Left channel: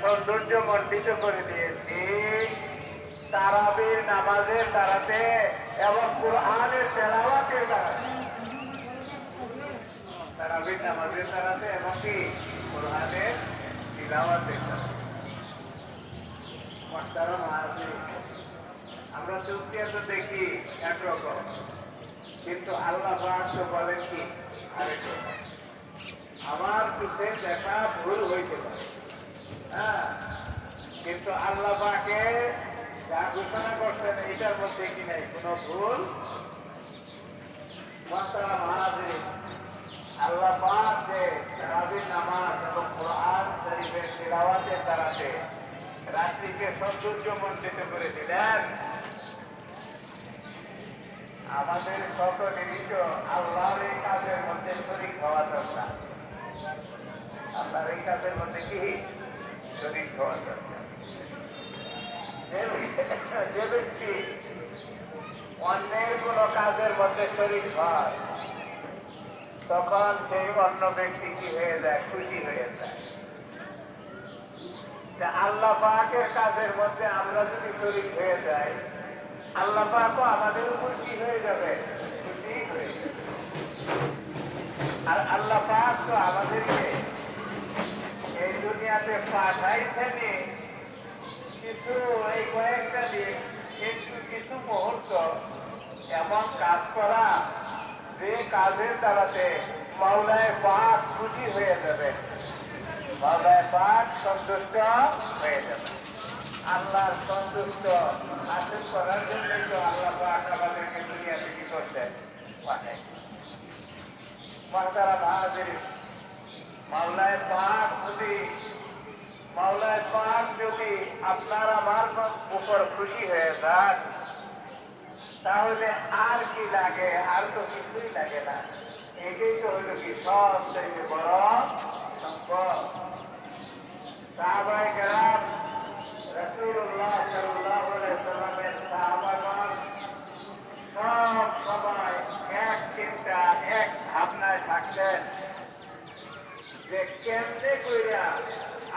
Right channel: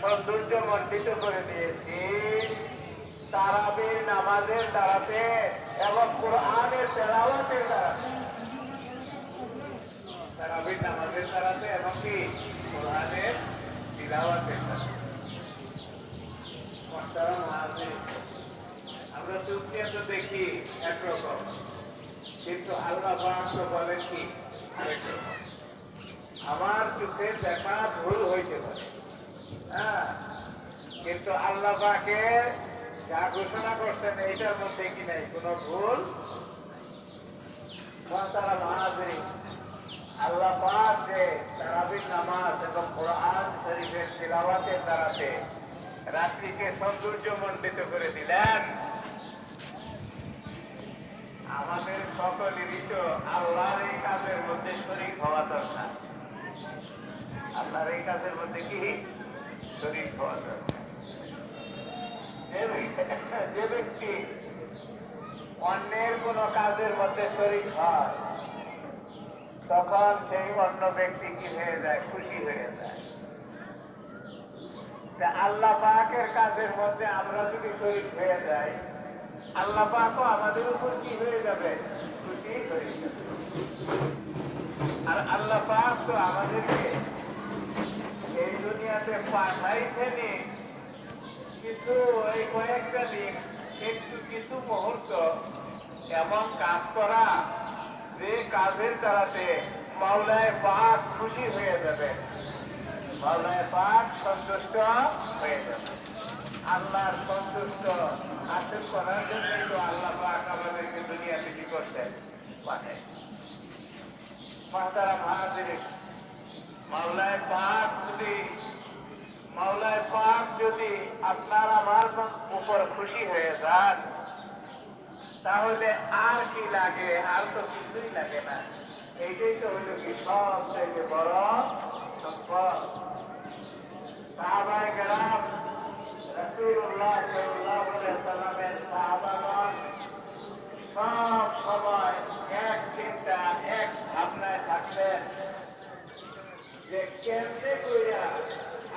সৌন্দর্য মণ্ডিত করে দিয়েছি তারাবির নামাজের দ্বারাতে এবং কোরআনের তেলাওয়াতের দ্বারাতে। তারাবির নামাজের দ্বারাতে এবং কি কোরআনের তিলাওয়াতের দ্বারাতে। আমরা সুফিয়া তো দেখি একরকম, কিন্তু আল্লাহ পাক তো বলেন কি আরেক রকম। আমার চোখে দেখা ভুল হইতে পারে, হ্যাঁ, কিন্তু আল্লাহ পাকে যা ঘোষণা করছেন এইটার মধ্যে কি নাই কোনো ভুল। আল্লাহ পাক যে তারাবির নামাজ এবং কোরআন শরীফের তিলাওয়াতের দ্বারাতে রাত্রিকে সৌন্দর্যমণ্ডিত করে দিলেন, আমাদের সকলেরই তো আল্লাহর এই কাজের মধ্যে শরীক হওয়া দরকার। আল্লাহর এই কাজের মধ্যে কি শরীক হওয়া দরকার। যে ব্যক্তি অন্যের কোন কাজের মধ্যে শরীক হয় তখন সেই অন্য ব্যক্তি কি হয়ে যায়, খুশি হয়ে যায়। আল্লাহ পাকের কাজের মধ্যে আমরা যদি শরীক হয়ে যাই, আল্লাহ পাকও আমাদের উপর কি হয়ে যাবে, খুশি হয়ে যাবে। আর আল্লাহ পাক তো আমাদেরকে এই দুনিয়াতে পাঠাইছেন কিছু এই কয়েকটা দিন, কিন্তু কিছু মুহূর্ত এমন কাজ করা যে কাজের দ্বারাতে মাওলায় পাক খুশি হয়ে যাবে, মাওলায় পাক সন্তুষ্ট হয়ে যাবে। আল্লাহর সন্তুষ্ট হাসিল করার জন্যই তো আল্লাহ পাক আমাদেরকে দুনিয়াতে কি করতে পাঠায়। মুহতারাম হাজিরিন, মাওলায় পাক যদি আপনার আমার উপর খুশি হয়ে যান, তাহলে আর কি লাগে, আর তো কিছুই লাগে না। এটাই তো হইল কি সব থেকে বড় সম্পদ। সাহাবায়ে কেরাম, রাসূলুল্লাহ সাল্লাল্লাহু আলাইহি সাল্লামের সাহাবাগণ সব সময় এক চিন্তা, এক ভাবনায় থাকতেন যে কেমনে কইরা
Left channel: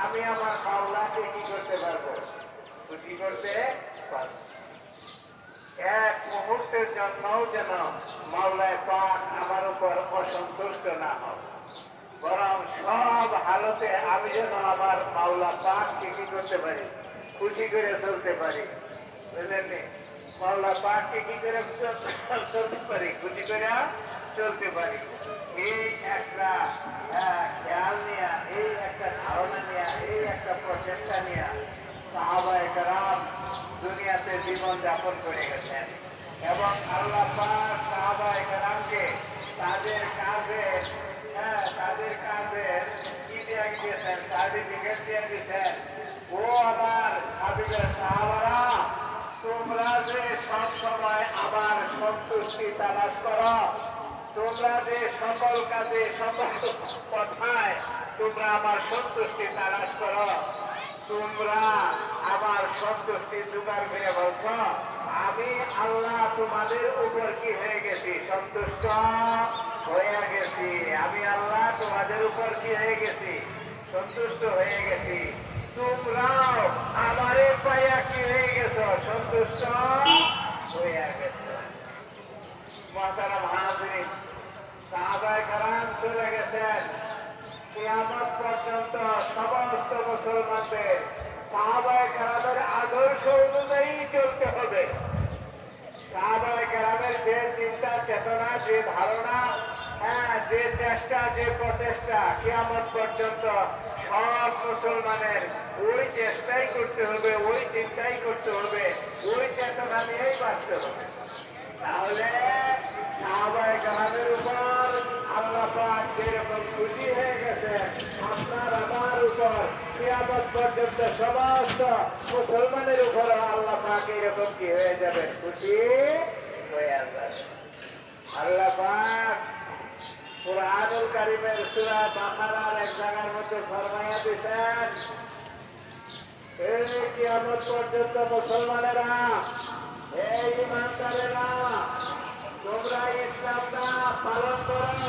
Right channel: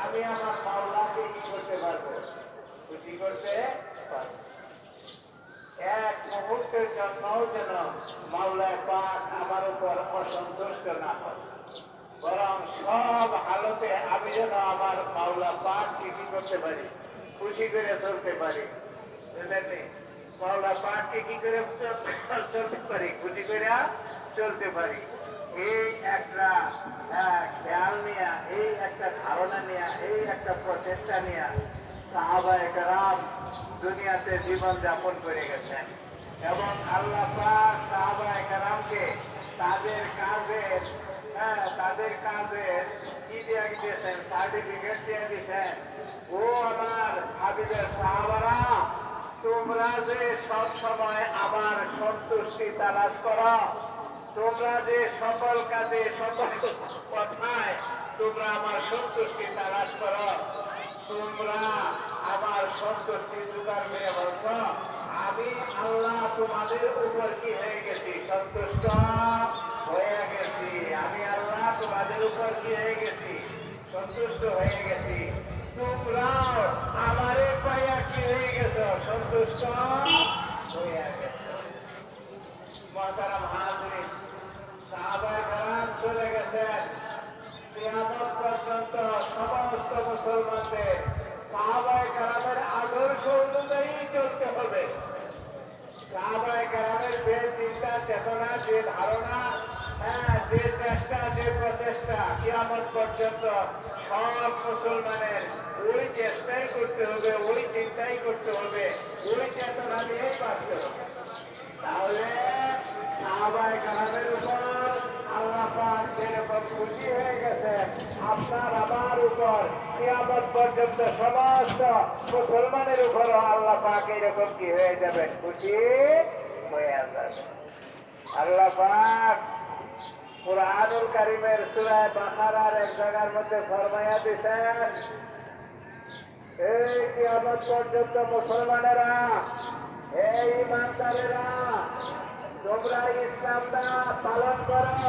আমি আমার মাওলাকে কি করতে পারবো, খুশি করতে পারবো। এক মুহূর্তের জন্যও যেন মাওলায় পাক আমার উপর অসন্তুষ্ট না হয়, বরং সব হালতে আমি যেন আমার মাওলা পাককে কি করতে পারি, খুশি করে চলতে পারি। বুঝলেন? মাওলা পাককে কি করে চলতে পারি, খুশি করে চলতে পারি। এই একটা খেয়াল নিয়ে, এই একটা ধারণা নিয়ে, এই একটা প্রচেষ্টা নিয়ে সাহাবায়ে কেরাম দুনিয়াতে জীবন যাপন করে গেছেন। এবং আল্লাহ পাক সাহাবায়ে কেরামকে তাদের কাজে কি দিয়ে দিয়েছেন, সার্টিফিকেট দিয়ে দিয়েছেন। ও আমার হাবিবের সাহাবারা, তোমরা যে সব সময় আমার সন্তুষ্টি তালাশ করো, তোমরা যে সকল কাজে সকল কথায় তোমরা আমার সন্তুষ্টি তালাশ করো, তোমরা আমার সন্তুষ্টি জোগাড় করে বলছ, আমি আল্লাহ তোমাদের উপর কি হয়ে গেছি, সন্তুষ্ট হয়ে গেছি। আমি আল্লাহ তোমাদের উপর কি হয়ে গেছি, সন্তুষ্ট হয়ে গেছি। তোমরাও আমারে পাইয়া কি হয়ে গেছ, সন্তুষ্ট হয়ে গেছ। মুহতারাম হাজিরিন, সাহাবায়ে কেরাম চলে গেছেন। কিয়ামত পর্যন্ত সমস্ত মুসলমানদের সাহাবায়ে কেরামের আদর্শ অনুযায়ী চলতে হবে। সাহাবায়ে কেরামের যে চিন্তা চেতনা, যে ধারণা, যে চেষ্টা, যে প্রচেষ্টা, কিয়ামত পর্যন্ত সব মুসলমানের ওই চেষ্টাই করতে হবে, ওই চিন্তাই করতে হবে, ওই চেতনা নিয়েই বাঁচতে হবে। তাহলে সাহাবায়ে কেরামের উপর আল্লাহ পাক যেরকম খুশি হয়ে গেছে, আপনার আমার উপর কিয়ামত পর্যন্ত সমস্ত মুসলমানের উপর আল্লাহ পাক এরকম কি হয়ে যাবে, খুশি হয়ে যাবে। আল্লাহ পাক কুরআনুল কারীমের সূরা বাকারার এক জায়গার মধ্যে ফরমায়া দিয়েছেন, এই কিয়ামত পর্যন্ত মুসলমানেরা, এই ইমানদারেরা, তোমরা ইসলামটা পালন করো,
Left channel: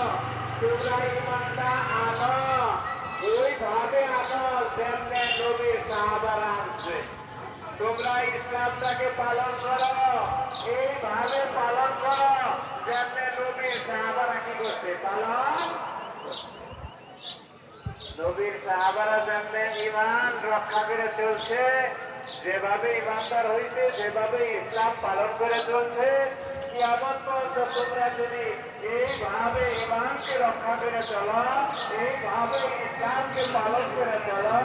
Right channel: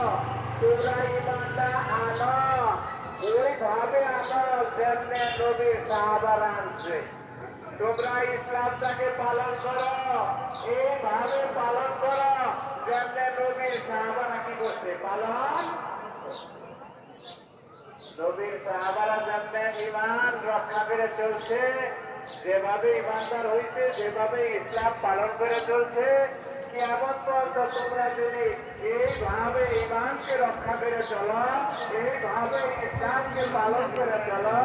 তোমরা ইমানটা আনো, এইভাবে আমল যেমনে নবীর সাহাবারা আনছে, তোমরা ইসলামটাকে পালন করো, এইভাবে পালন করো যেমনে নবীর সাহাবারা কি করছে পালন। নবীর সাহাবারা যেমনে ঈমান রক্ষা করে চলছে, যেভাবে ঈমানদার হইতে, যেভাবে ইসলাম পালন করে চলছে, কিয়ামত পর্যন্ত তোমরা যদি এইভাবে ঈমানকে রক্ষা করে চলো, এইভাবে ইসলামকে পালন করে চলো,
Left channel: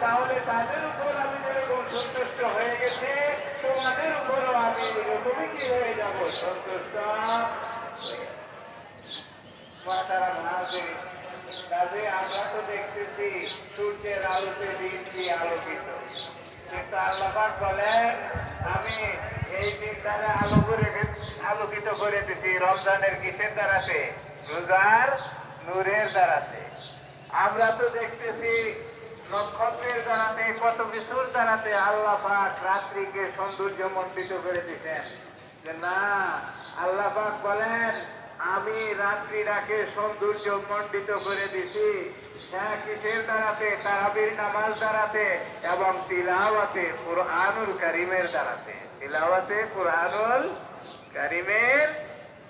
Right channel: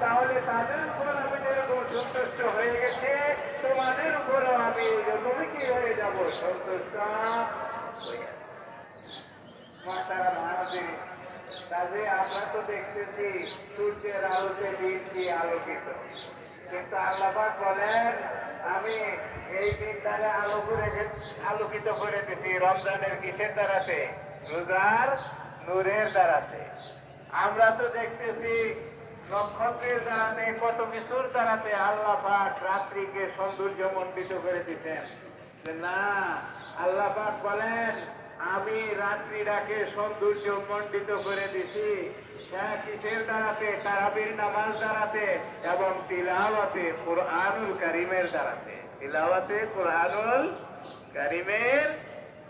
তাহলে তাদের উপর আমি যেরকম সন্তুষ্ট হয়ে গেছি, তোমাদের উপরও আমি এরকমই কি হয়ে যাব, সন্তুষ্ট। কাজে আমরা তো দেখতেছি সূর্যের আলোতে দিনটি আলোকিত, কিন্তু আল্লাহ পাক বলেন আমি এই দিনটারে আলোকিত করে দিচ্ছি রমজানের কিসের দ্বারাতে, রোজার নূরের দ্বারাতে। আমরা তো দেখতেছি নক্ষত্রের দ্বারাতে, কত কিছুর দ্বারাতে আল্লাহ পাক রাত্রিকে সৌন্দর্য মণ্ডিত করে দিচ্ছেন। যে না, আল্লাহ পাক বলেন আমি রাত্রিটাকে সৌন্দর্য মণ্ডিত করে দিছি কিসের দ্বারাতে, তারাবির নামাজ দ্বারাতে এবং তিলাওয়াতে কুরআনুল কারীমের দ্বারাতে, তিলাওয়াতে কুরআনুল কারীমের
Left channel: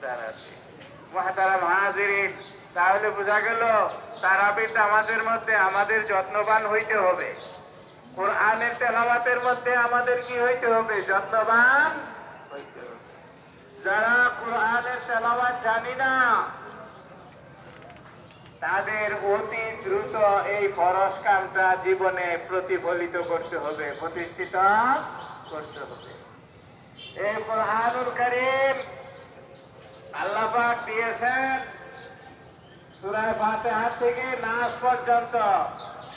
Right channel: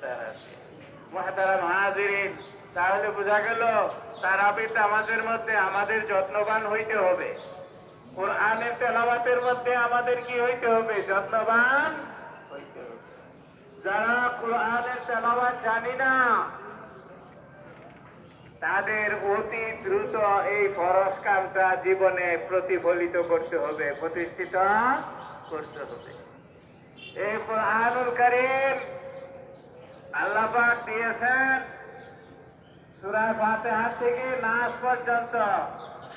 দ্বারাতে। মুহতারাম হাজিরিন, তাহলে বোঝা গেল তারাবির নামাজের মধ্যে আমাদের যত্নবান হইতে হবে, কুরআনের তেলাওয়াতের মধ্যে আমাদের কি হইতে হবে, যত্নবান হইতে হবে। যারা কুরআনের তেলাওয়াত জানি না তাদের অতি দ্রুত এই ফরজ কাজটা জীবনে প্রতিফলিত করতে হবে, প্রতিষ্ঠিত করতে হবে। এই কুরআনুল কারীম আল্লাহ পাক দিয়েছেন সূরা ফাতিহা থেকে নাস পর্যন্ত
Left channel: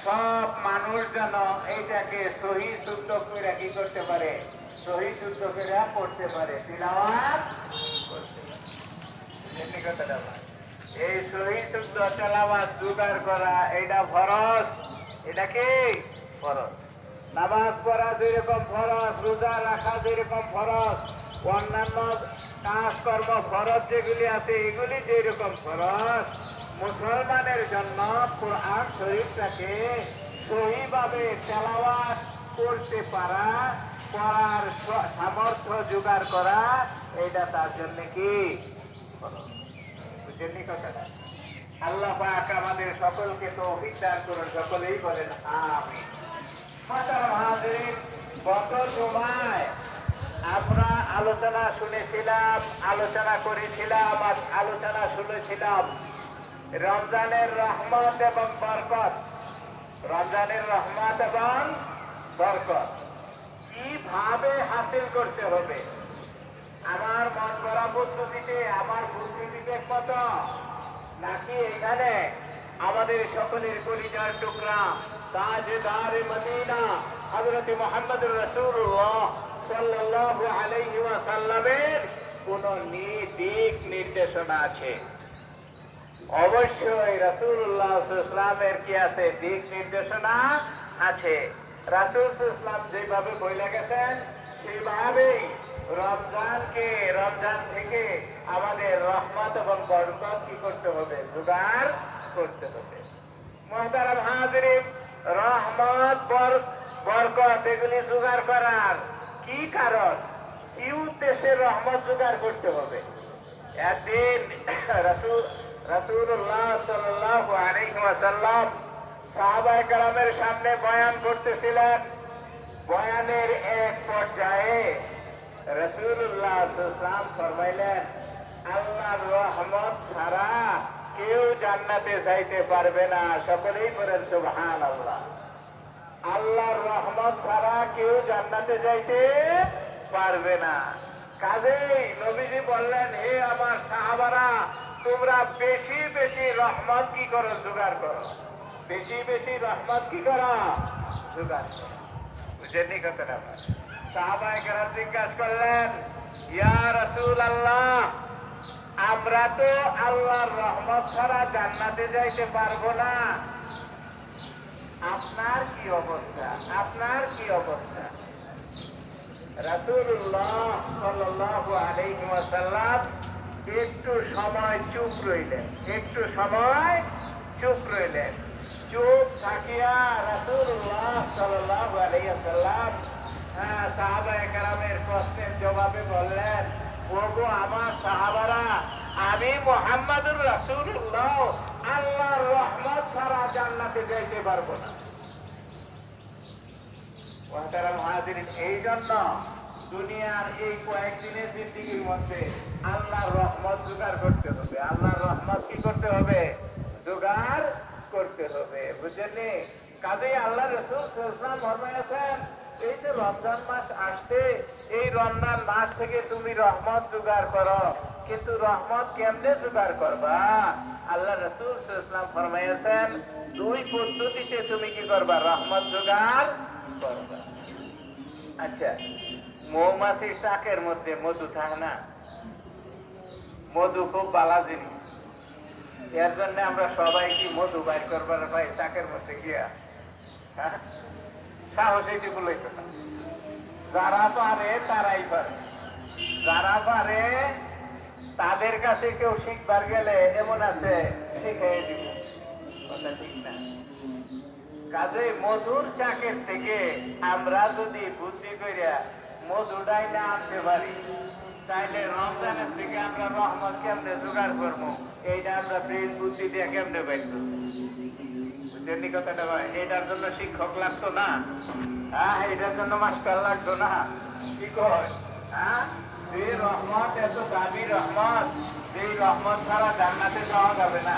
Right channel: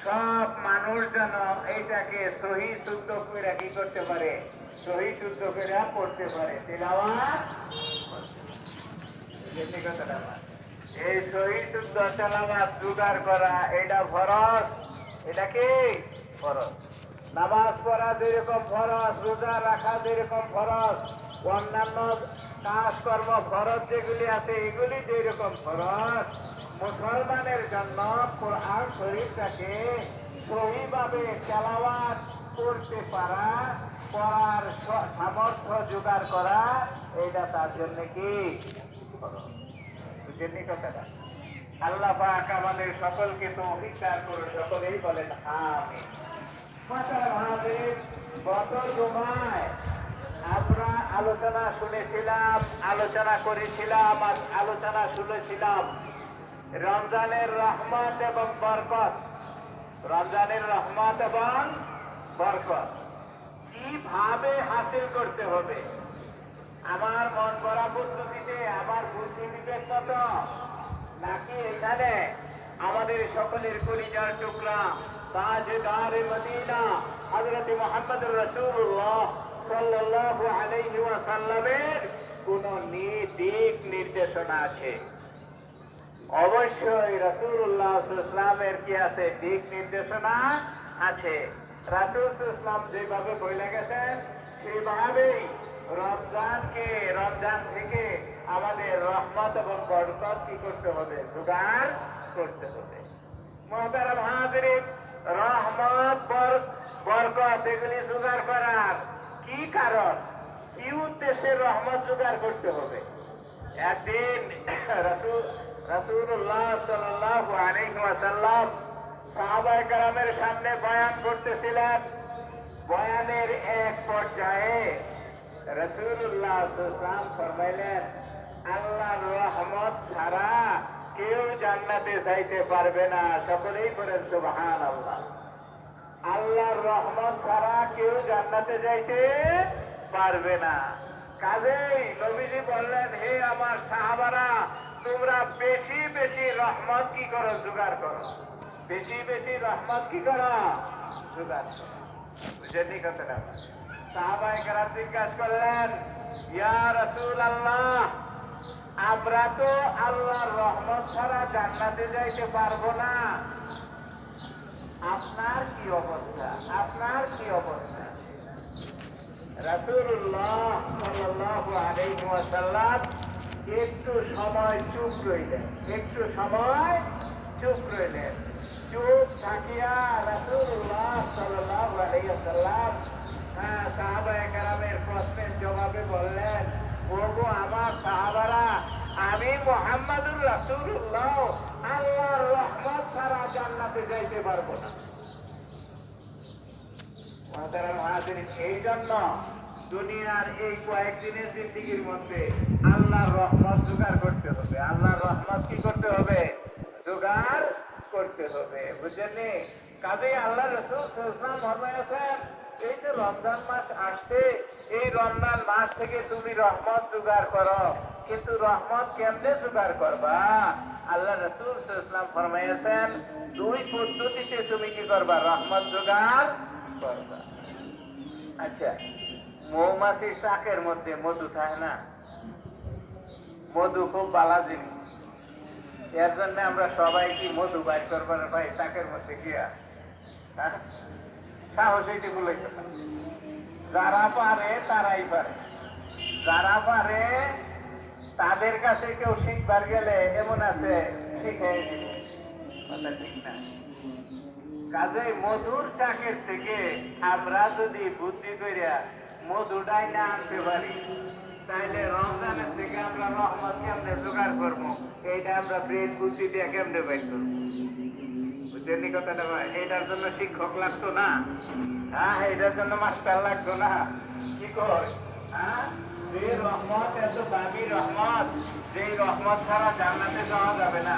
সব মানুষ যেন এইটাকে সহি শুদ্ধ করে কি করতে পারে, সহি শুদ্ধ করে পড়তে পারে, তিলাওয়াত করতে পারে। এই সহি শুদ্ধ তেলাওয়াত জোগাড় করা এটা ফরজ, এটা কি ফরজ। নামাজ পড়া যেরকম ফরজ, রোজা রাখা যেরকম ফরজ, অন্যান্য কাজকর্ম ফরজ যেগুলি আছে এগুলি যেরকম ফরজ, মুসলমানের জন্য কোরআন শরীফটাকে সহিভাবে তেলাওয়াত করতে পারা, করার সামর্থ্য জোগাড় করা, এটা তার জন্য কি বুঝেননি কথাটা। আল্লাহ পাক আমাদের সকলকে তৌফিক দান করুন, সকলেই বলেন আমিন। মুহতারাম হাজিরিন, গত জুমায় আমরা আলোচনা শুনেছিলাম, আলোচনা করেছিলাম, আলোচনা শুনেছিলাম রমজানের রহমত এবং বরকত, রমজানের রহমত এবং বরকত কিভাবে হাসিল করতে হবে। আমার মন গড়া পদ্ধতিতে, আমার বুদ্ধি বিবেক মতো, নাকি এখানে আমাদের সকলের কলিজার টুকরা তাজদার মদিনা হযরত মুহাম্মদ রাসূলুল্লাহ সাল্লাল্লাহু আলাইহি ওয়াসাল্লামের কোন দিক নির্দেশনা আছে? অবশ্যই রাসূলুল্লাহ সাল্লাল্লাহু আলাইহি ওয়াসাল্লামের কি আছে, দিক নির্দেশনা আছে। রাসূল সাল্লাল্লাহু আলাইহি ওয়াসাল্লাম যেভাবে বলে গেছেন সেইভাবেই রমজান থেকে আমাদের রহমত এবং বরকত কি করতে হবে, জোগাড় করতে হবে। মুহতারাম হাজিরিন, রহমত বরকত এগুলি জোগাড় করার কি কারণ, কি উদ্দেশ্যে রহমত জোগাড় করতে হবে? একদিন রাসূলুল্লাহ সাল্লাল্লাহু আলাইহি ওয়াসাল্লাম সাহাবায়ে কেরামের সামনে বয়ান করতেছিলেন। বয়ানের এক পর্যায়ে রাসূলুল্লাহ সাল্লাল্লাহু আলাইহি ওয়াসাল্লাম ফরমাইলেন, আল্লাহর রহমত ছাড়া কেউ জান্নাতে যাইতে পারবে না। সকলেই বলেন সুবহানাল্লাহ। আল্লাহর রহমত ছাড়া কেউ জান্নাতে যাইতে পারবে না। কাজেই নবীজি বললেন, হে আমার সাহাবারা, তোমরা বেশি বেশি রহমত কি করো, জোগাড় করো, বেশি বেশি রহমত কি করো, জোগাড় করো। বুঝেননি কথাটা? সাহাবায়ে কেরাম জিজ্ঞাসা করলেন, ইয়া রাসূলুল্লাহ, আমরা তো আল্লাহর রহমত ছাড়া জান্নাতে যাইতে পারবো না, আপনার কি অবস্থা, আপনার কি অবস্থা? রাসূলুল্লাহ সাল্লাল্লাহু আলাইহি ওয়াসাল্লাম একটু সময় চুপ রইলেন, একটু সময় চুপ রইলেন। চুপ থাকিয়া রাসূলুল্লাহ সাল্লাল্লাহু আলাইহি ওয়াসাল্লাম সাহাবায়ে কেরামের প্রশ্নের জবাবে বললেন, ওগো আমার সাহাবারা, আমি মুহাম্মাদুর রাসূলুল্লাহ আল্লাহর রহমত ছাড়া জান্নাতে যাইতে পারবো না। এই জন্য দুনিয়ার এই কয়েকদিনের জিন্দিগির মধ্যে আল্লাহর রহমত জোগাড় করতে হবে। আল্লাহর রহমত কি করতে হবে? জোগাড় করতে হবে, বুঝলেন? কাজেই আল্লাহ রাসূল সাল্লাল্লাহু আলাইহি ওয়াসাল্লাম এই যে রমজান মাস আসছে, এই রমজান মাস থেকে তুমি রহমত জোগাড় করো। কিন্তু রহমত কেমনে জোগাড় করবা? আল্লাহ রাসূল সাল্লাল্লাহু আলাইহি ওয়াসাল্লাম ফরমাইছেন, দুই পদ্ধতিতে তুমি কি করবা? রহমত জোগাড় করবা। আচ্ছা, মৌমাছির চাকের মধ্যে মধু থাকে না? মধু খুব বালা জিনিস। এর জন্য আমরা সবাই কি মধু বাইর করবার ভাই চাকের মধ্যে গিয়া সাহস এইটুকু লইতে না। যারা পারে তারাই পারে, যারা পারে তাদের কাছে কেউ শিখবার গেলে এমন আছে শিখে দিবে, কথা ঠিক না? কাজে মধুর চাকের থেকে আমরা যদি বুদ্ধি করিয়া মধুটাই না আনতে পারি, তাইলে রমজানের থেকে আমরা রহমত কেমনে জোগাড় করবো? এইটা আমরা ব্রেন বুদ্ধি দিয়ে কেমনে বের করবো? বুঝলেন কথাটা ভাই? এটার জন্য শিক্ষক লাগতো না, এটার জন্য মাস্টার লাগতো না। কি কয়? যে রহমত এত দামি রহমত, যেই রহমত ছাড়া জান্নাতে যাওয়া যাবে না,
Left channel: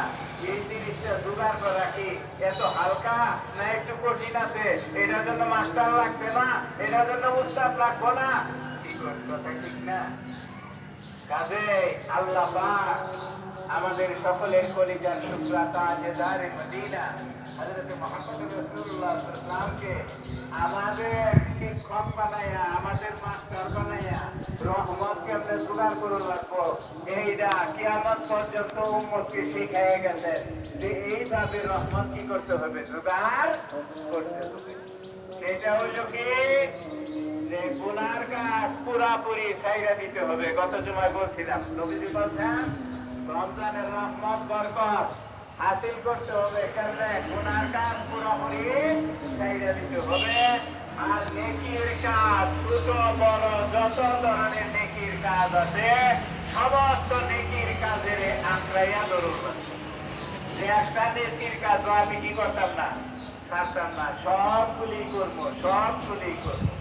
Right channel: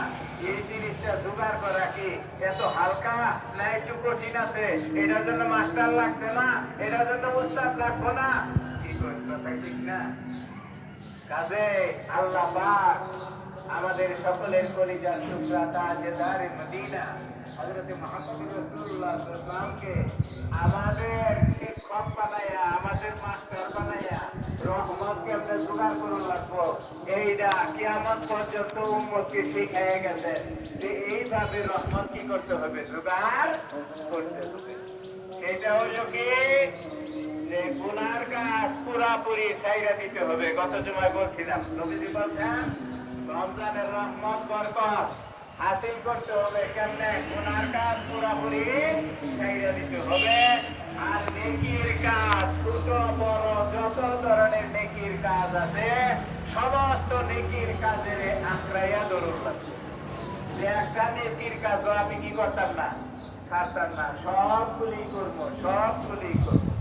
এই জিনিসটা জোগাড় করা কি এত হালকা না একটু কঠিন আছে? এটার জন্য মাস্টার লাগবে না, এটার জন্য উস্তাদ লাগবে না। কি কয়? কথা ঠিক না? কাজে আল্লাহ পাক আমাদের সকলের কলিজার টুকরা তাজদারে মদিনা হযরত মুহাম্মদ রাসূলুল্লাহ সাল্লাল্লাহু আলাইহি ওয়াসাল্লামকে আমাদের শিক্ষক বানায়া, আমাদের মাস্টার বানায়া রহমতকে আমরা জোগাড় করে রাখবো, এইটা কিয়ামত পর্যন্ত উম্মতকে শিখিয়ে গেছেন যে এইভাবে রহমত কি করতে হবে? জোগাড় করতে হবে। এটা হলো কি যে গুনার কাজ পুরাপুরি ছাইরা দিতে হবে। গত জুমায় বলছিলাম, নবীজি বলছেন রমজানের রহমত বরকত হাসিল করতে হবে, কেমনে? গুনার কাজ পুরাপুরি ছাইরা দিতে হবে। আর নেকির কাজ, ছোট বড় যত ধরনের নেকির কাজ আছে, সমস্ত নেকির কাজে আঁকড়াইয়া ধরুন। যে একটা নেকির কাজ আমি কি করতাম না, ছাড়তাম না, সবগুলি করবো, সবগুলি করবো।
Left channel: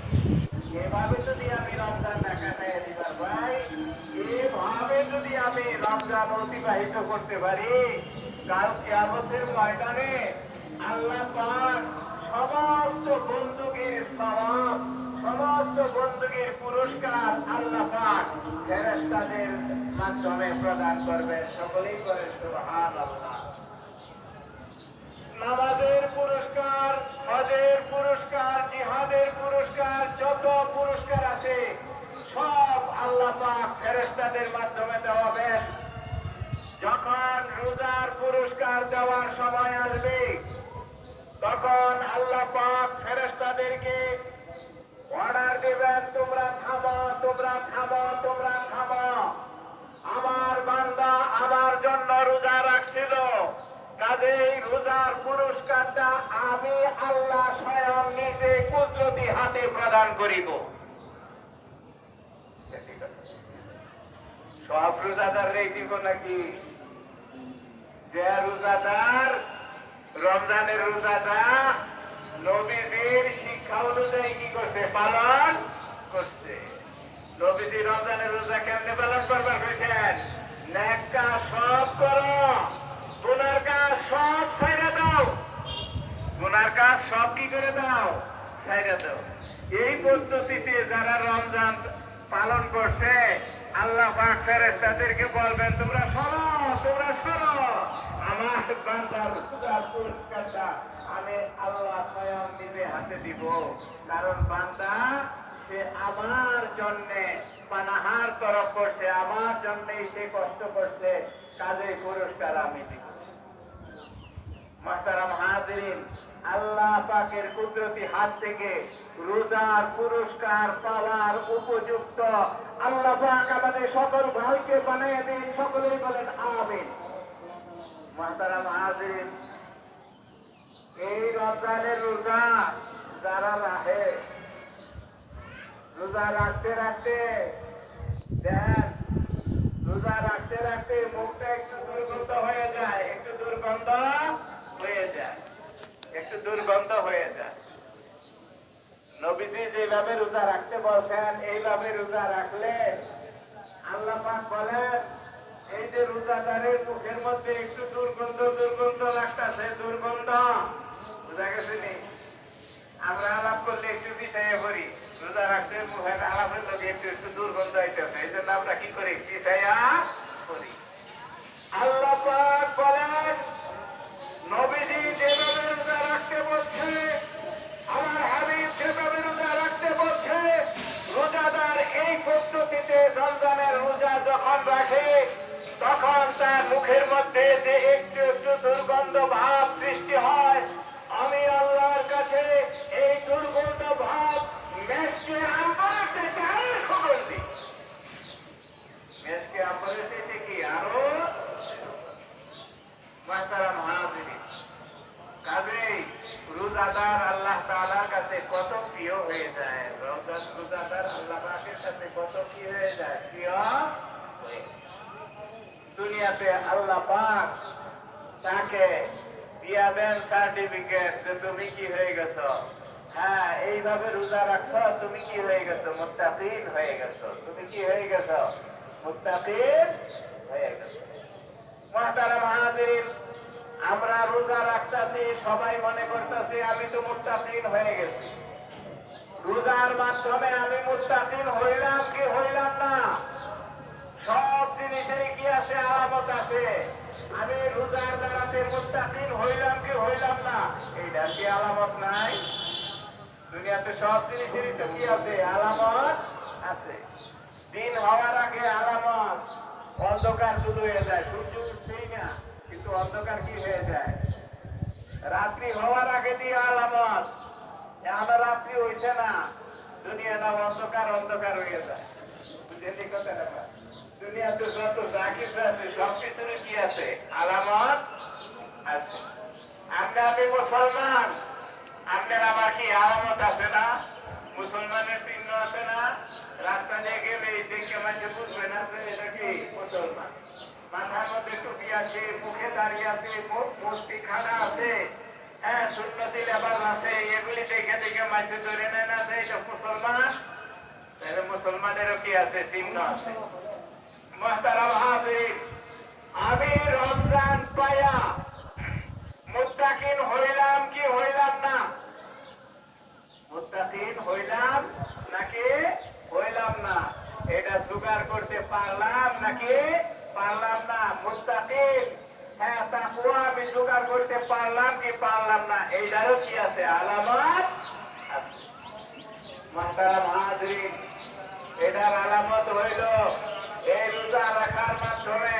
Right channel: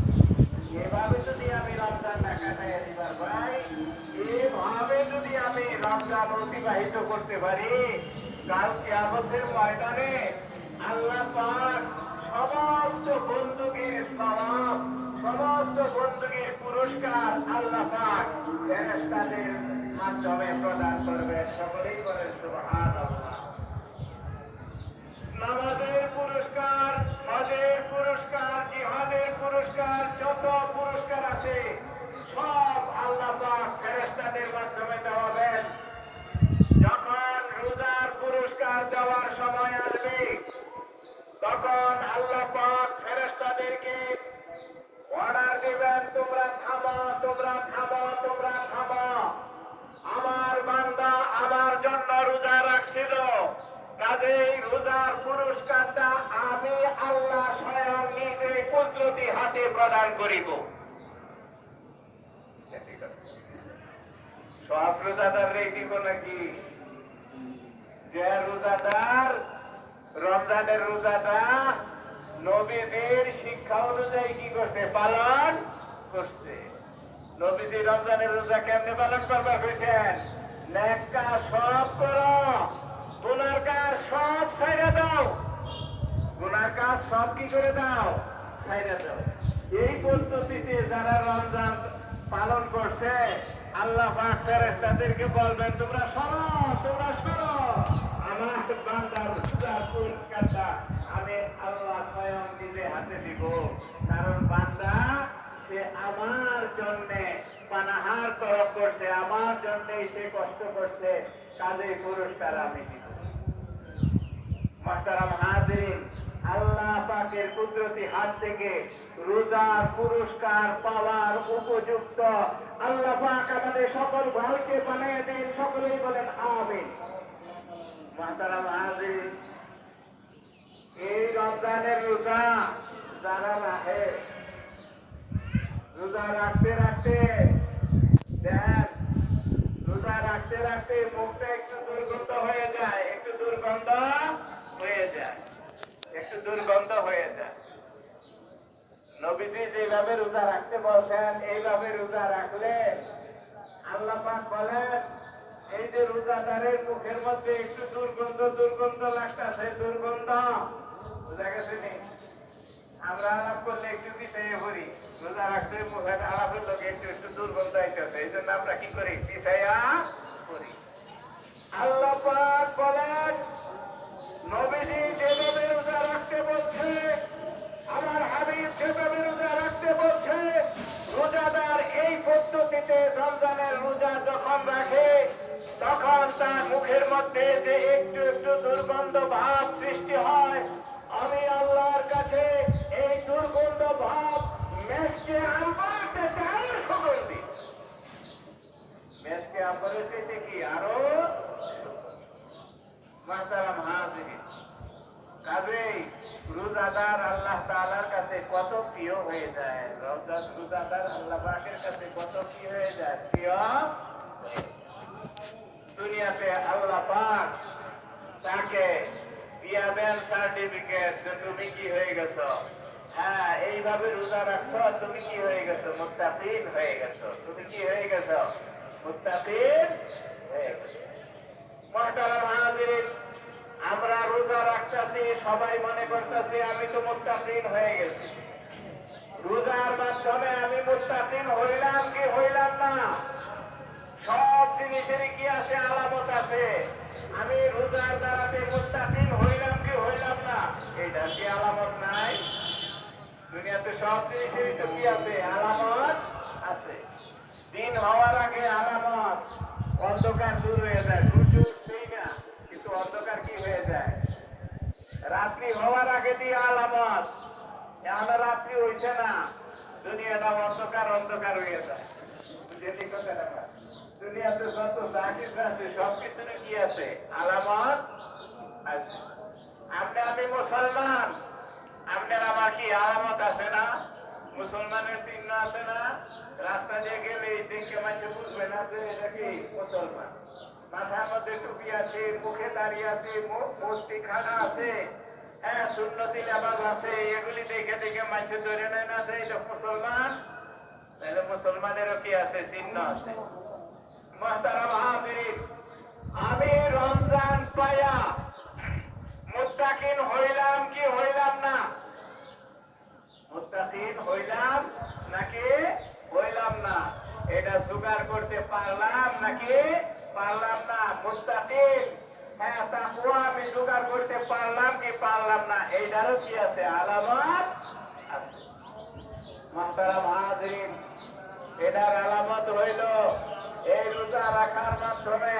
এভাবে যদি আমি রমজান কাটাইয়া দিবার ভাই, এভাবে যদি আমি রমজান অতিবাহিত করতে পারি, কাল কিয়ামতের ময়দানে আল্লাহ পাক সমস্ত বন্দুকের সওয়াব, সমস্ত বন্দুকের পুরস্কার আল্লাহ পাক ফেরেশতাদের মাধ্যমে প্রদান করবেন। সকলেই বলে সুবহানাল্লাহ। নামাজের পুরস্কার, হজের পুরস্কার, জিহাদের পুরস্কার, যত পুরস্কার আছে সব আল্লাহ পাক ফেরেশতাদের মাধ্যমে দেওয়াবেন। যখন রোজার পুরস্কার দেওয়ার সময় আসবে, তখন আল্লাহ পাক ফেরেশতাদেরকে অর্ডার দেবেন, তোমরা থামো, তোমরা থামো, তোমরা থামো। আমার বান্দা আমার জন্য রোজা রাখছিল, কাজেই রোজার পুরস্কারটা আমি আল্লাহ স্বয়ং নিজে কুদরতি হাতে প্রদান করিব। সব রোজাদার রেখে নাকি? যে রোজাদার রমজানের রোজাটা নবীদের শিক্ষা অনুযায়ী কি করছে? পালন করছে। নবীজি রমজানের রোজা কেমনে পালন করবার হয়েছেন? নেক কাজ সব করো, গুনার কাজ সব ছাইড়া দাও, গুনার কাজ সব কি করে দাও? ছাইড়া দাও। এই পদ্ধতিতে যারা রমজান পালন করছে, আল্লাহ পাক ফেরেশতাদেরকে বলবেন, তোমরা সরো, তোমরা সরো, আমার বান্দার রোজার পুরস্কারটা আমি আল্লাহ স্বয়ং নিজে হাতে দিব। কারণ বান্দা সে আমার জন্যে পানাহার তরফ করছে, আমার জন্যই সে কষ্ট করছে, কাজেই পুরস্কার আমি দিব। মাহতারাম হাজিরিন, আল্লাহ পাকের কুদরতি হাত থেকে রোজার পুরস্কার পাওয়ার উপযুক্ত আল্লাহ পাক আমাদের সকল ভাইকে বানিয়ে দিন। সকলেই বলেন আমিন। মাহতারাম হাজিরিন, এই রমজানের রোজা যারা রাখে, রোজা রাখতে রাখতে দেন, রোজা রাখতে রাখতে মুখটা একটু দুর্গন্ধ হয়ে যায়, একটু দুর্গন্ধ হয়ে যায়, একটু দুর্গন্ধ হয়ে যায়। নবীজি যেভাবে রোজা রাখতে বলছেন, এইভাবে রোজা রাখলে আল্লাহ পাক বলেন, এই যে রোজাদারের মুখের মধ্যে একটু দুর্গন্ধ দুর্গন্ধ লাগতেছে, দুর্গন্ধ বুঝা গেছে নি? আমরা আলাপ করলে একটু পিছাইয়া করি, রোজা রাখতে মুখের আলাপের লোক একটু একটু দুর্গন্ধ আইতেছে, এই জন্য আমরা কি করি, পিছাইয়া করি। আল্লাহ পাক বলেন, নবীজি যেভাবে রোজা রাখতে বলছে, আমার হাবিব যেভাবে রোজা রাখতে বলছে, রোজাদার এই পদ্ধতিতে রমজানের রোজা যখন রাখে, তখন তার মুখের মধ্যে যে একটু একটু দুর্গন্ধ ভাব সৃষ্টি হয়, আমি আল্লাহর কাছে এই দুর্গন্ধ ভাব মেসকে আমলের থেকে আরো সুগন্ধি, মেসকে আমলের থেকে কি আরো মাতারাম হাজিরি। কাজেই রোজাদার আল্লাহ তাআলার কাছে কত প্রিয় হয়ে যায়, রমজান রোজাদার আল্লাহ পাকের কাছে কত কি হয়ে যায়, প্রিয়। দুনিয়াতে আল্লাহ পাক তাকে দিয়া দেন সার্টিফিকেট যে তুমি কি হয়ে গেছো, হ্যাঁ এইভাবে রোজা রাখছো, তুমি কি হয়ে গেছো, মুত্তাকিন হয়ে গেছো, তুমি কি হয়ে গেছো, মুত্তাকিন হয়ে গেছো। মুহতারাম হাজিরিন, আমরা রোজা রাখতেছি, সবাই মনে করতেছি আমি তো মুত্তাকিন হয়ে গেছি। রোজার মাধ্যমে আমি মুত্তাকিন হইলাম কি হইলাম না? সব জিনিসের কি আছে, আলামত আছে। আমি রোজার দ্বারাতে মুত্তাকিন হইলাম কি হইলাম না, এইটার কি আলামত নাই? দুনিয়াতে সব জিনিসেরই তো কি আছে, আলামত আছে। দিন হওয়ার আগে আলামত, অন্ধকার দূর হয়ে যায়, সূর্য উঠছেই না কিন্তু অন্ধকার কি হয়ে যায়, রাত্রি হওয়ার আগে দিয়ে আলামত, আমার রাত্রি হইছে না, দুনিয়াটা অন্ধকার অন্ধকার হয়ে যায়। বুঝেছি কথাটা? দুনিয়াতে যত যা কিছু আছে সব কিছুরই কি আছে, আলামত আছে। আমি মুসলমান, আপনার আবার কি আলামত আছে না? মুসলমানের চিহ্ন আছে না? রাস্তা দিয়ে গেলে এই দেখে মাঝে বুঝবে না যে এটা কি মুসলমান। মাথার মধ্যে টুপি আছে, মুখে দাঁড়িয়ে আছে, মূর্তি খানা আছে, হ্যাঁ সুন্নতি লেবাস আছে, এগুলি দেখে দেখে মাঝে ধরে নেয় না যে এটা মুসলমান। তাহলে মুসলমানেরও কি আছে, চিহ্ন আছে। মুহতারাম হাজির, আমি রমজান পাইয়া মুত্তাকিন হইলাম কি হইলাম না? মুত্তাকিন হইলাম নাকি হইলাম না? এটা জোগাড় করতে পারলাম নাকি পারলাম না? মুত্তাকিন, হ্যাঁ তাকওয়া আমি জোগাড় করতে পারলাম কি পারলাম না? এইটারও কি আছে, আলামত আছে। মুহতারাম হাজির, এটার আলামত হইল এই রোজা রাখার মাধ্যমে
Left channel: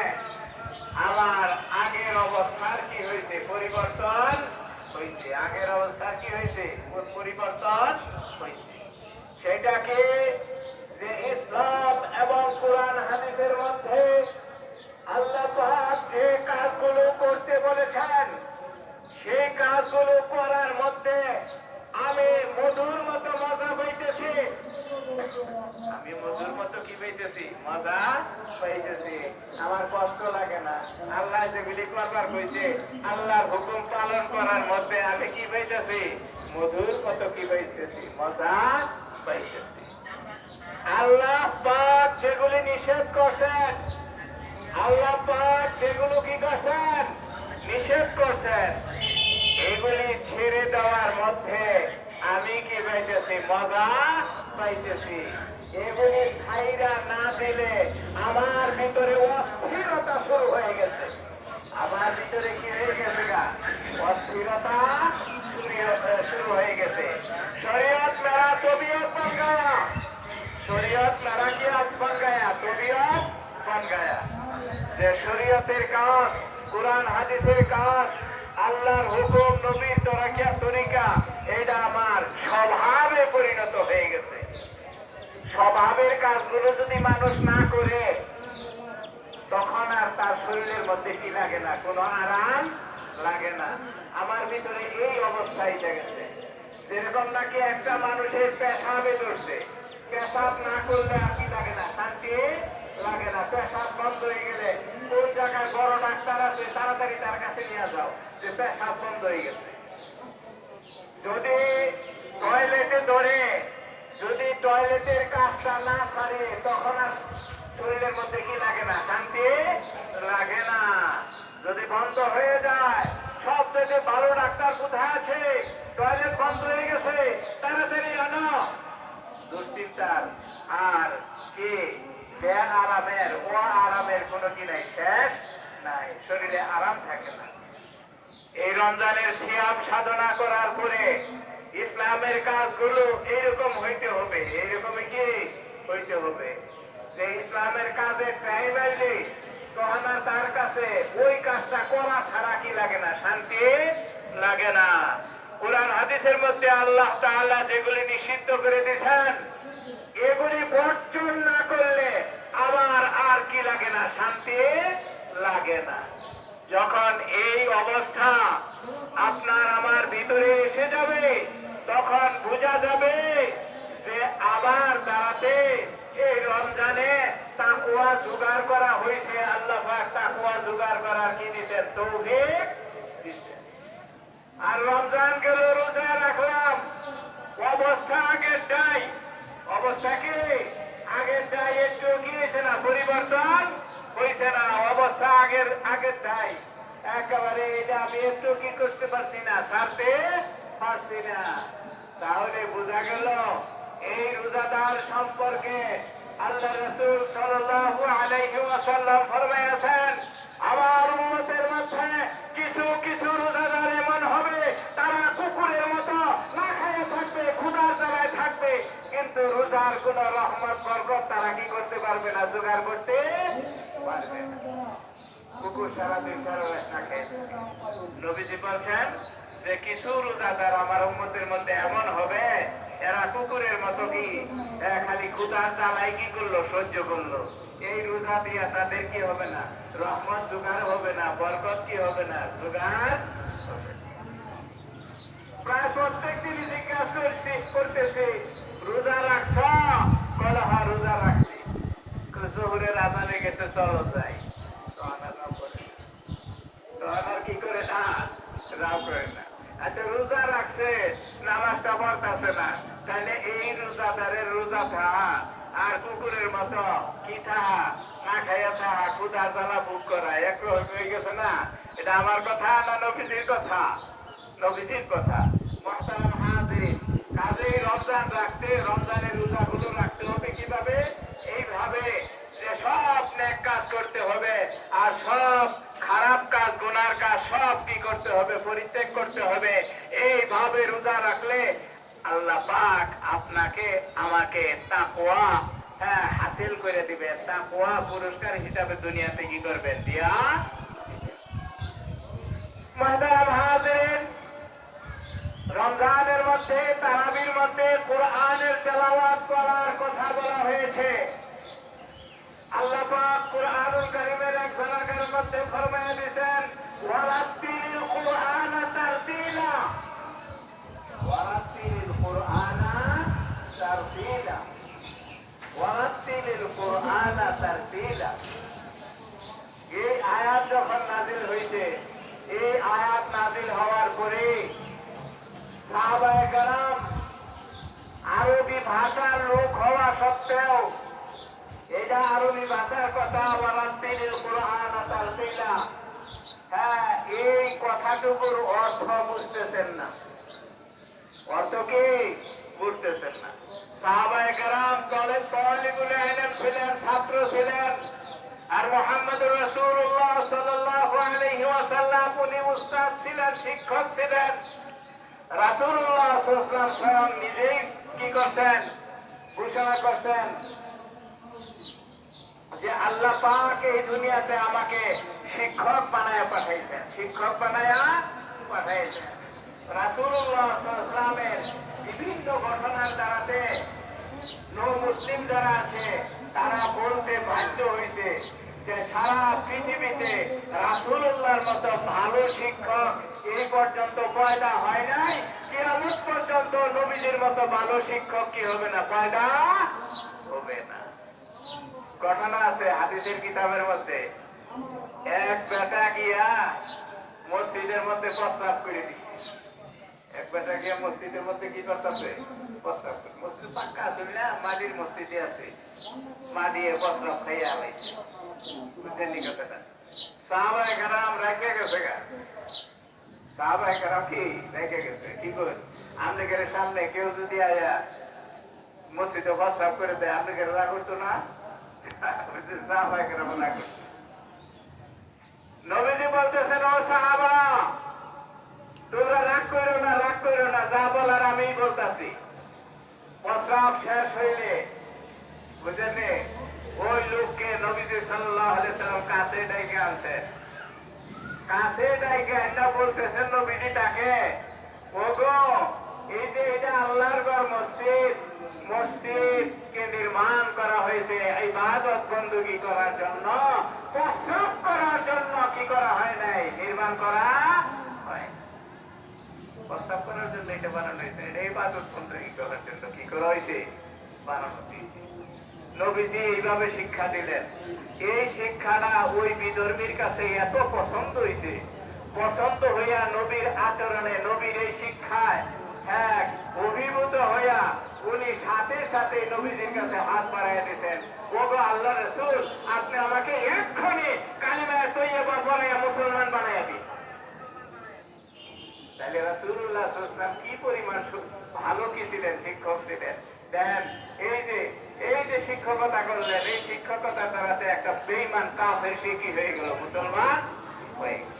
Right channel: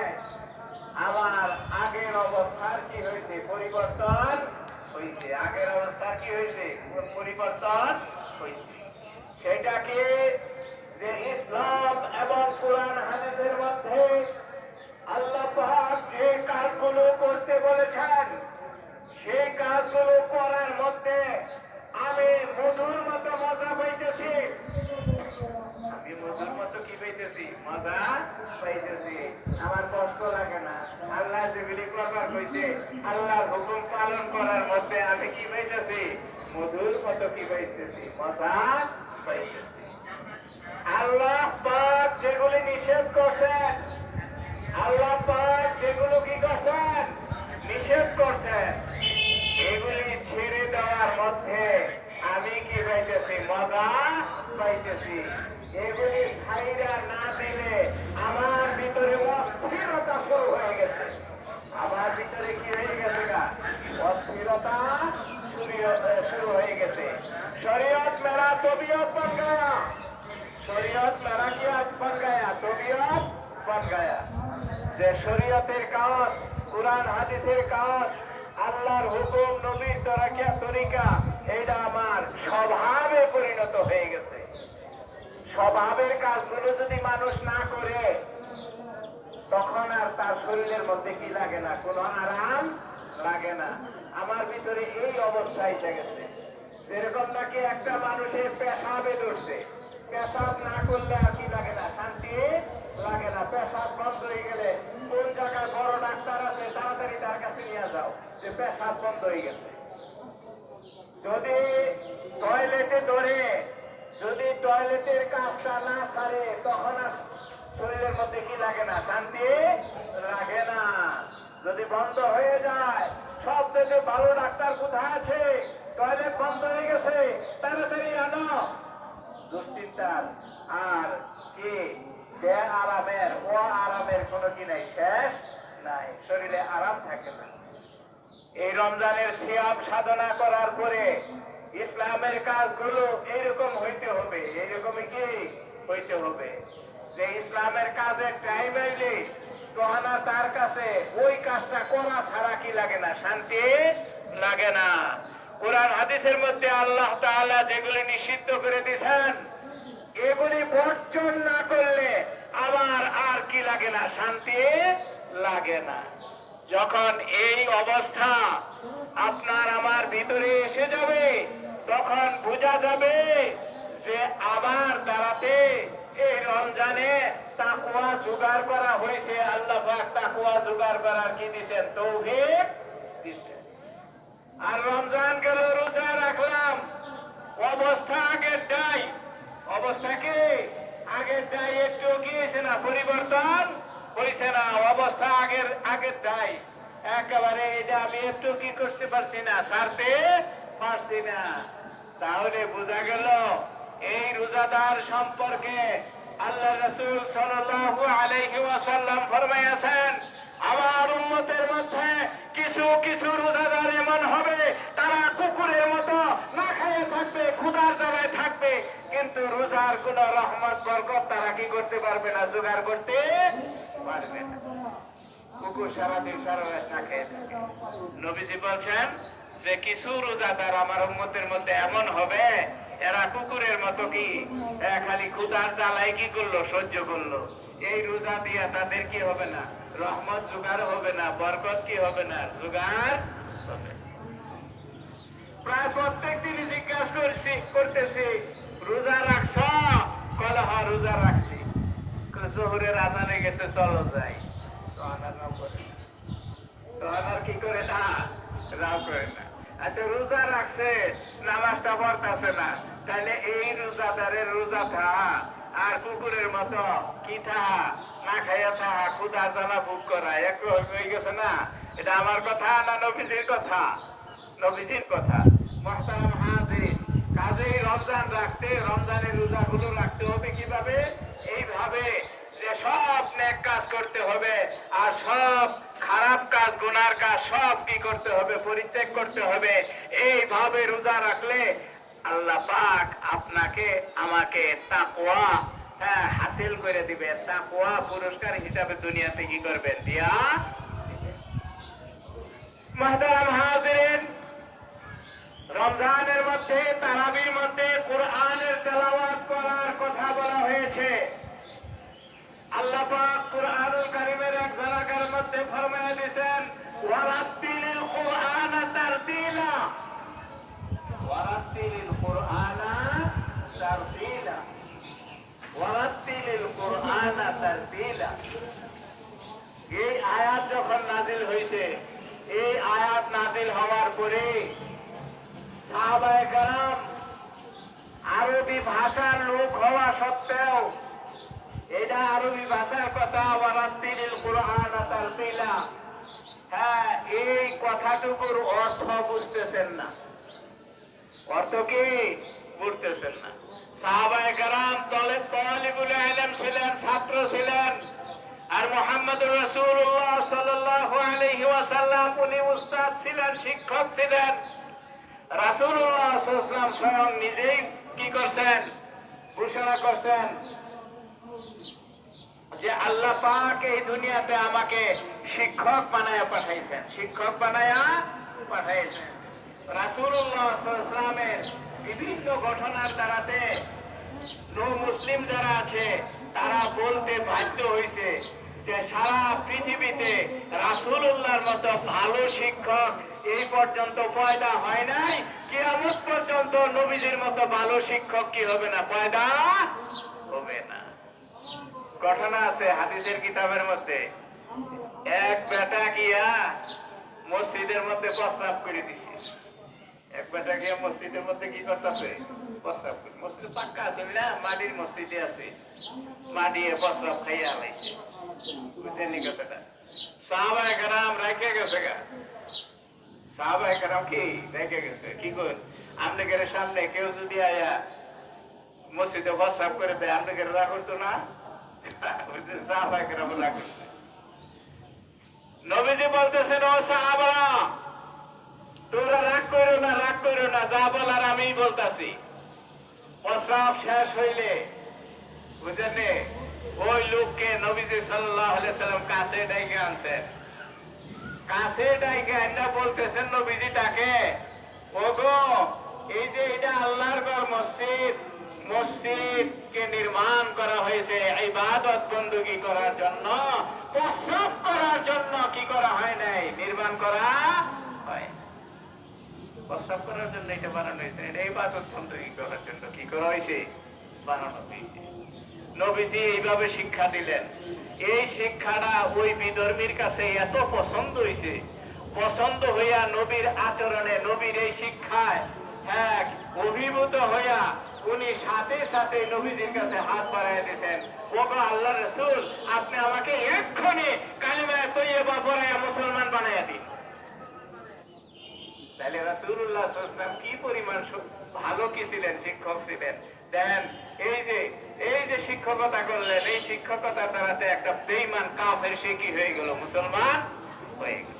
আমার আগের অবস্থার কি হয়েছে, পরিবর্তন হয়েছে। আগের অবস্থা কি হয়েছে, পরিবর্তন হয়েছে। সেটাকে যে ইসলাম এবং কোরআন হাদিসের মধ্যে আল্লাহ পাক যে কাজগুলো করতে বলেছেন, সেই কাজগুলো করার মধ্যে আমি মধুর মতো মজা পাইতেছি। আমি মধুর মতো কি পাইতেছি, মজা পাইতেছি। আমার কষ্ট লাগে না। আল্লাহ যেগুলি করবার কইছে, আল্লাহর হুকুম পালন করার মধ্যে আমি কি পাইতেছি, মধুর মতো কি পাইতেছি, মজা পাইতেছি। আল্লাহ পাক যেগুলি নিষেধ করছেন, আল্লাহ পাক যেগুলো কি করছেন, নিষেধ করছেন, এগুলি ছেড়ে দেওয়ার মধ্যে আমি কি পাইতেছি, মজা পাইতেছি। এগুলি খাইরা না দিলে আমার ভিতরে অস্থিরতা শুরু হয়ে গেছে। আমার ভিতরে কি হয়ে গেছে, অস্থিরতা শুরু হয়ে গেছে। শরীয়ত মেরা তবিয়ত বন গায়া, শরীয়ত মেরা কি আজ বন গায়া, তবিয়ত বন গায়া। যে শরীয়তের কাজ, কুরআন হাদিসের কাজ, আল্লাহর হুকুম, নবীর তরিকা, এটা আমার স্বভাবে পরিণত হয়ে গেছে। স্বভাবের কাজগুলো যদি মানুষ না করে, তখন আর তার শরীরের মধ্যে কি লাগে না, কোনো আরাম লাগে না। আমার ভিতরে এই অবস্থা এসে গেছে। যেরকম নাকি একটা মানুষের পেশাবে ধরছে, পেশাব না করলে আর কি লাগে না, শান্তি লাগে না। পেশাব বন্ধ হয়ে গেলে ওই জায়গায় বড় ডাক্তার আছে, তাড়াতাড়ি তার কাছে নিয়ে যাও যে পেশাব বন্ধ হয়ে গেছে। যদি টয়লেটে ধরে, যদি টয়লেটের কাজটা না ছাড়ে, তখন আর শরীরের মধ্যে কি লাগে না, শান্তি লাগে না। যদি বন্ধ হয়ে যায়, সব থেকে ভালো ডাক্তার কোথায় আছে, টয়লেট বন্ধ হয়ে গেছে, তাড়াতাড়ি আনো। দুশ্চিন্তার আর কি বে আরামের ও আরামের কোনো কি নাই, শেষ নাই, শরীরে আরাম থাকে না। এই রমজানের সিয়াম সাধনা করার পরে ইসলামের কাজগুলো এইরকম হইতে হবে, এইরকম কি হইতে হবে যে ইসলামের কাজে টাইম আসলে তখন আর তার কাছে ওই কাজটা করা ছাড়া কি লাগে না, শান্তি লাগে না। কোরআন হাদিসের মধ্যে আল্লাহ তাআলা যেগুলি নিষিদ্ধ করে দিয়েছেন, এগুলি বর্জন না করলে আমার আর কি লাগে না, শান্তি লাগে না। যখন এই অবস্থা আপনার আমার ভিতরে এসে যাবে, তখন বোঝা যাবে যে আবার দাঁড়াতে এই রমজানে তাকওয়া জোগাড় করা হয়েছে। আল্লাহ পাক তাকওয়া জোগাড় করার কি দিতেন, তৌফিক দিতেন। আর রমজান গেল, রোজা রাখলাম, অবস্থা আগেরটাই, অবস্থা কি আগেরটাই, একটু গিয়েছে না, পরিবর্তন হয়েছে না, অবস্থা আগেরটাই একেবারে। এটা আমি একটু কি করতে পারছি না, ছাড়তে পারছি না। তাহলে বোঝা গেল এই রোজাদার সম্পর্কে আল্লাহ রাসূল সাল্লাল্লাহু আলাইহি ওয়াসাল্লাম ফরমায়াছেন, আমার উম্মতের মধ্যে কিছু কিছু রোজাদার এমন হবে, তারা কুকুরের মতো না খেয়ে থাকবে, ক্ষুধার জায়গায় থাকবে, কিন্তু রোজার কোন রহমত বরকত তারা কি করতে পারবে না, জোগাড় করতে পারবে না। কুকুর সারাদিন সারা রাত না খেয়ে থাকে। নবীজি বলছেন যে কিছু রোজাদার আমার উম্মতের মধ্যে এমন হবে, এরা কুকুরের মতো কি খালি ক্ষুধার জ্বালায় কি করলো, সহ্য করলো। এই রোজা দিয়ে তাদের কি হবে না, রহমত জোগাড় হবে না, বরকত কি হবে না, জোগাড়। প্রায় প্রত্যেক দিনই জিজ্ঞাসা করতেছি, রোজা রাখছ? বলে হ্যাঁ রোজা রাখছি। জোহরের আজানে গেছে, চলো যাই। আর কি করে না, রাও করে না। আচ্ছা রোজা রাখছে, নামাজটা পড়তেছে না, তাহলে এই রোজাদারের রোজা থাকা আর কুকুরের মতো কি থাকা, না খাইয়া থাকা, ক্ষুধা জ্বালা ভোগ করা একটু হয়ে গেছে না। এটা আমার কথা না নবীজির কথা? নবীজির কথা। মুহতারাম হাজিরিন, কাজেই রমজান রাখতে, রমজানের রোজাগুলো রাখতে হবে কিভাবে? এইভাবে যে সব নেক কাজ করতে হবে, আর সব খারাপ কাজ, গুনার কাজ সব কি করতে হবে, পরিত্যাগ করতে হবে। এইভাবে রোজা রাখলে আল্লাহ পাক আপনাকে আমাকে তাকওয়া হাসিল করে দিবে, তাকওয়া পুরস্কার হিসাবে দুনিয়াতে কি করবেন, দিয়া। মুহতারাম হাজিরিন, রমজানের মধ্যে, তারাবির মধ্যে কোরআনের তেলাওয়াত করার কথা বলা হয়েছে। আল্লাহ পাক কুরআনুল কারীমের এক জায়গার মধ্যে ফরমায়া দিয়েছেন, ওয়ারাত্তিলিল কুরআনা তারতিলা, ওয়ারাত্তিলিল কুরআনা তারতিলা, ওয়ারাত্তিলিল কুরআনা তারতিলা। এই আয়াত যখন নাযিল হয়েছে, এই আয়াত নাযিল হওয়ার পরে সাহাবায়ে কেরাম আরবি ভাষার লোক হওয়া সত্ত্বেও এটা আরবি ভাষার কথা, ওয়ারাত্তিলিল কুরআনা তারতিলা, এই কথাটুকুর অর্থ বুঝতেছেন না। অর্থ কি বুঝতেছেন না? সাহাবায়ে কেরাম তালিবুল ইলম ছিলেন, ছাত্র ছিলেন, আর মুহাম্মদুর রাসূলুল্লাহ সাল্লাল্লাহু আলাইহি ওয়াসাল্লাম উনি উস্তাদ ছিলেন, শিক্ষক ছিলেন। রাসূলুল্লাহ সাল্লাল্লাহু আলাইহি ওয়াসাল্লাম স্বয়ং নিজেই কি করছেন, ঘোষণা করছেন যে আল্লাহ পাক এই দুনিয়াতে আমাকে শিক্ষক বানায়া পাঠাইছেন, শিক্ষক বানায়া পাঠাইছেন। রাসূলুল্লাহ সাল্লাল্লাহু আলাইহি ওয়াসাল্লামের বিভিন্ন ঘটনার দ্বারাতে মুসলিম যারা আছে তারা বলতে বাধ্য হয়েছে যে সারা পৃথিবীতে রাসূলুল্লাহর মতো ভালো শিক্ষক এই পর্যন্ত পয়দা হয় নাই, কিয়ামত পর্যন্ত নবীদের মতো ভালো শিক্ষক কি হবে না, পয়দা হবে না। ঘটনা আছে হাদিসের কিতাবের মধ্যে, এক বেটা গিয়া মসজিদের মধ্যে প্রস্তাব করে দিচ্ছে। এক বেটা গিয়া মসজিদের মধ্যে কি করতেছে, প্রস্তাব করে। মসজিদ পাক্কা আছে না, মাটির মসজিদে আছে, মা দিয়ে প্রস্তাব খেয়ে আলাইছে। বুঝছেন নি কথাটা? সাহাবায়ে কেরাম রাখে গেছে গা, সাহাবায়ে কেরাম কি রেখে গেছে, কি কর আপনাদের সামনে কেউ যদি আয়া মসজিদে প্রস্তাব করে দেয়, আপনাদের রাগ করতো না? সাহাবায়ে কেরাম রাগ করতো। নবীজি বলতেছেন, ও সাহাবা তোমরা রাগ করো না, রাগ করো না, যা বলার আমিই বলতাছি। প্রস্রাব শেষ হইলে বুঝলেন ওই লোককে নবীজি সাল্লাল্লাহু আলাইহি সাল্লাম কাছে ডাইকে আনছেন। কাছে ডাইকে আইনা বলতেছেন নবীজি তাকে, ওগো এই যে এটা আল্লাহর ঘর মসজিদ, মসজিদকে নির্মাণ করা হয়েছে ইবাদত বندگی করার জন্য, প্রস্রাব করার জন্য কি করা হয় নাই, নির্মাণ করা হয়। প্রস্রাব করার জন্য এটা বানানো হয়েছে, এটা ইবাদত বندگی করার জন্য কি করা হয়েছে, বানানো হয়েছে। নবীজি এইভাবে শিক্ষা দিলেন। এই শিক্ষাটা ওই বিধর্মীর কাছে এত পছন্দ হয়েছে, পছন্দ হইয়া নবীর আচরণে, নবীর এই শিক্ষায় এক অভিভূত হইয়া উনি সাথে সাথে নবীজির কাছে হাত বাড়াইয়া দিতেন, ওগো আল্লাহ রাসূল আপনি আমাকে এক্ষুনি কালিমা তৈয়বা পড়াইয়া মুসলমান বানাইয়া দিন। তাহলে রাসূলুল্লাহ সাল্লাল্লাহু আলাইহি ওয়াসাল্লাম কি পরিমাণ ভালো কি ছিলেন, শিক্ষক ছিলেন। দেন এই যে শিক্ষকতা করলেন, এই শিক্ষকতা দ্বারাতে একটা বেঈমান কাফের সে কি হয়ে গেল, মুসলমান হয়ে গেল।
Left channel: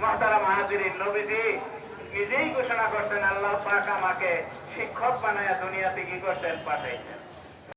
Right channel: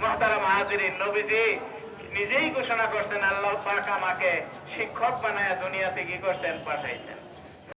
মুহতারাম হাজিরিন, নবীজি নিজেই ঘোষণা করছেন, আল্লাহ পাক আমাকে শিক্ষক বানায়া দুনিয়াতে কি করছেন, পাঠাইছেন।